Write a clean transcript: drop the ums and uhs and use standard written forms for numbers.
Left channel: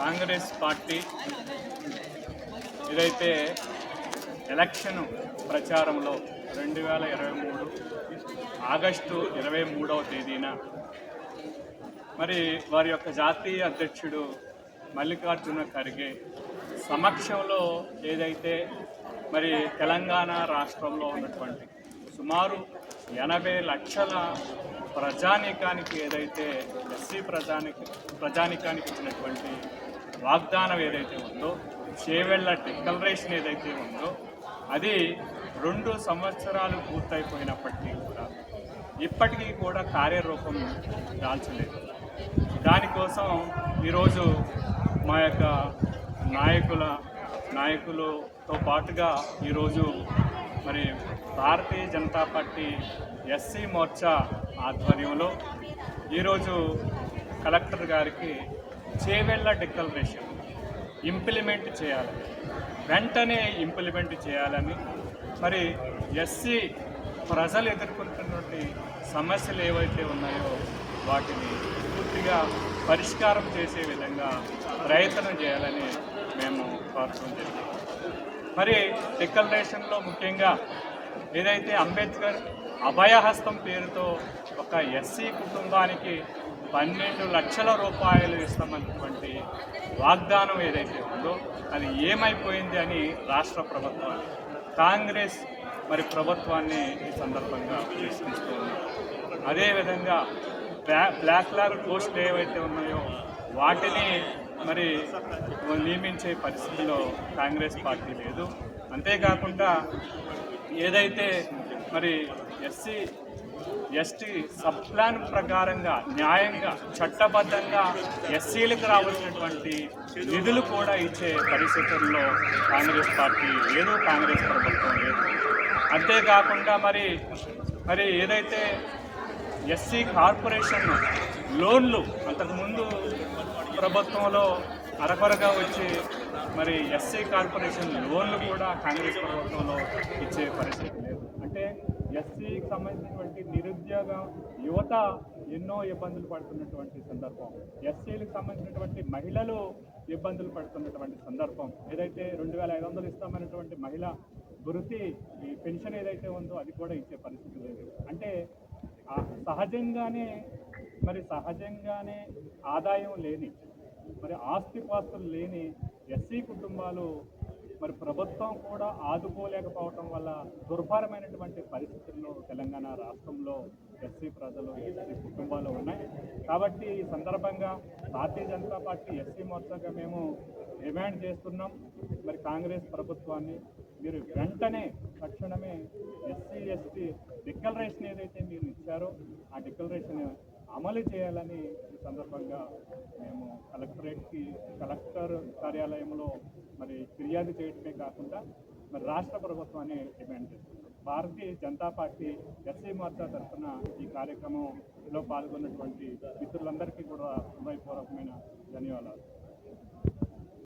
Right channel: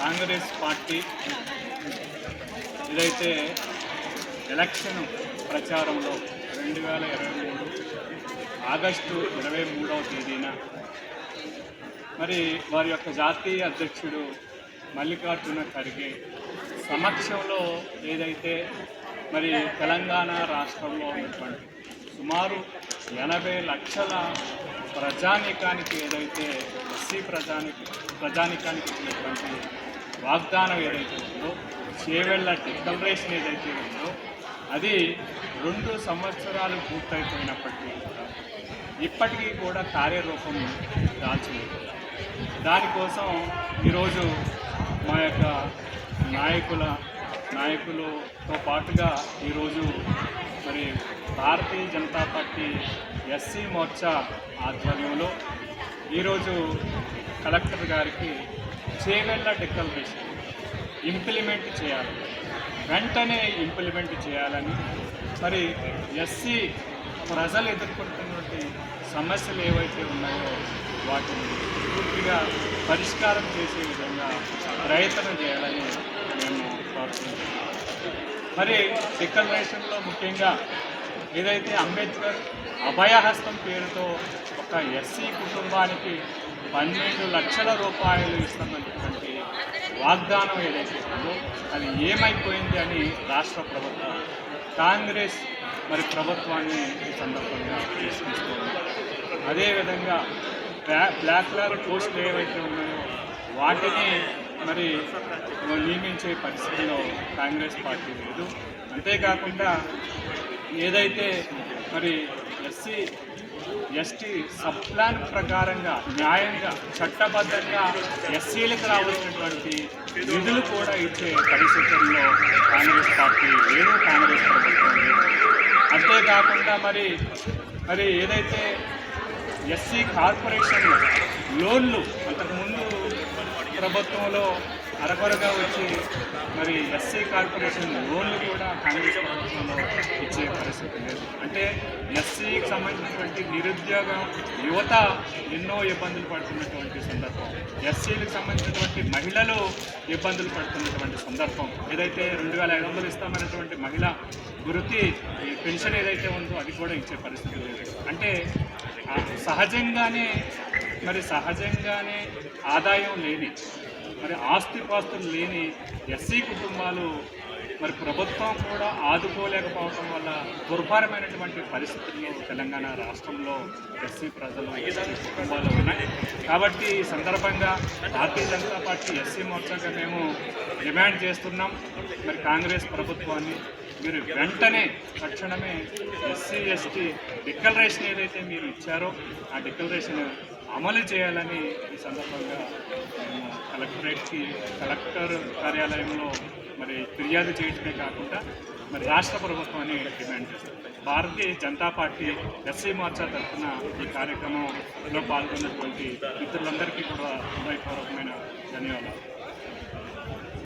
Congress party ఏదైతే election ప్రచారంలో 2023 August 23వ తేదీన మరి వారి యొక్క జాతీయ అధ్యక్షుడు మల్లికార్జున ఖర్గే సమక్షంలో ఏదైతే మరి తెలంగాణ రాష్ట్రంలో ఉన్నటువంటి సుమారు 80 లక్షల ప్రజానీకానికి ఏదైతే ఎస్సీ ప్రజానీకానికి ఇచ్చినటువంటి వాగ్దానం ఏదైతే ఉందో, చేవెళ్ల డిక్లరేషన్ ఏదైతే ఉందో, అది 2 సంవత్సరాలు పూర్తయిపోయినప్పటికీ కూడా ఇప్పటికీ కూడా కార్యరూపం దాల్చలేదు. దానికోసం ఈరోజు మా యొక్క నాయకులతో పాటుగా ఈరోజు మరి భారతీయ జనతా పార్టీ ఎస్సీ మోర్చా ఆధ్వర్యంలో ఈరోజు కలెక్టర్ గారికి చేవెళ్ల డిక్లరేషన్ ఇంప్లిమెంట్ చేయాలి, వెంటనే ఇంప్లిమెంట్ చేయాలని, మరి ఎస్సీ ప్రజలు ఎదుర్కొంటున్నటువంటి సమస్యలు ఏవైతే ఉన్నాయో వాటిని పూర్తిగా పరిష్కారం చేసే విధంగా ప్రయత్నం చేయాలని మేము కోరుతున్నాం. మరి డిక్లరేషన్లో ముఖ్యంగా ఏదైతే అంబేద్కర్ అభయహస్తం పేరుతో ఒక ఎస్సీ కుటుంబానికి 12 లక్షల రూపాయలు ఇస్తామన్నటువంటి వాగ్దానం ఏదైతే ఉందో అది ఏమైపోయింది అని రాష్ట్ర ప్రభుత్వం కాంగ్రెస్ మరి ప్రభుత్వాన్ని ఈ సందర్భంగా ప్రశ్నిస్తూ ఉన్నాం. అదేవిధంగా బ్లాక్ పోస్టులు ఏవైతే ఉన్నాయో వాటిని మరి నియమించే పరిస్థితిలో కాంగ్రెస్ పార్టీ లేదు. అంతేకాకుండా ఏదైతే మరి ఎస్సీ ఎస్టీ సబ్ ప్లాన్ ప్రకారంగా న్యాయంగా చట్టబద్ధంగా ఎస్సీలకు రావాల్సినటువంటి నిధులు కూడా ఇచ్చే పరిస్థితుల్లో కాంగ్రెస్ పార్టీ లేదు, కాంగ్రెస్ ప్రభుత్వం లేదు. అంతేకాకుండా మరి ఏదైతే ఎస్సీ కార్పొరేషన్ లోన్లు అంతకుముందు ప్రభుత్వంలో అరకొరగా వచ్చి మరి ఎస్సీ కార్పొరేషన్ లోన్లు కూడా కాంగ్రెస్ ప్రభుత్వంలో ఇచ్చే పరిస్థితి లేదు. అంటే ఎస్సీకి సంబంధించినటువంటి నిరుద్యోగ యువత ఎన్నో ఇబ్బందులు పడుతున్నటువంటి సందర్భం, ఎస్సీలకు సంబంధించినటువంటి మహిళలు ఇబ్బందులు పడుతున్నటువంటి సందర్భం, ఏదైతే 2500 ఇస్తామన్నటువంటి మహిళ వృత్తి పెన్షన్ ఏదైతే ఉందో అది కూడా ఇచ్చే పరిస్థితి లేదు. అంటే సహజంగానే ఆదాయం లేని మరి ఆస్తిపాస్తులు లేని ఎస్సీ కుటుంబాలు మరి ప్రభుత్వం కూడా ఆదుకోలేకపోవటం వల్ల దుర్భరమైనటువంటి పరిస్థితుల్లో తెలంగాణ రాష్ట్రంలో ఎస్సీ ప్రజలు ఎస్సీ కుటుంబాలు ఉన్నాయి. కాబట్టి ఈ సందర్భంగా భారతీయ జనతా పార్టీ ఎస్సీ మోర్చాగా మేము డిమాండ్ చేస్తున్నాం, మరి కాంగ్రెస్ ప్రభుత్వాన్ని మీరు వెంటనే తక్షణమే ఎస్సీ ఎస్టీ డిక్లరేషన్ ఏదైతే మీరు ఇచ్చారో ఆ డిక్లరేషన్ అమలు చేయాలని ఈ సందర్భంగా మేము కలెక్టర్ కార్యాలయంలో మరి ఫిర్యాదు చేయడమే కాకుండా మరి రాష్ట్ర ప్రభుత్వాన్ని డిమాండ్ చేస్తాం. భారతీయ జనతా పార్టీ ఎస్సీ మోర్చా తరఫున ఈ కార్యక్రమంలో పాల్గొన్నటువంటి మిత్రులందరికీ కూడా హృదయపూర్వకమైన ధన్యవాదాలు.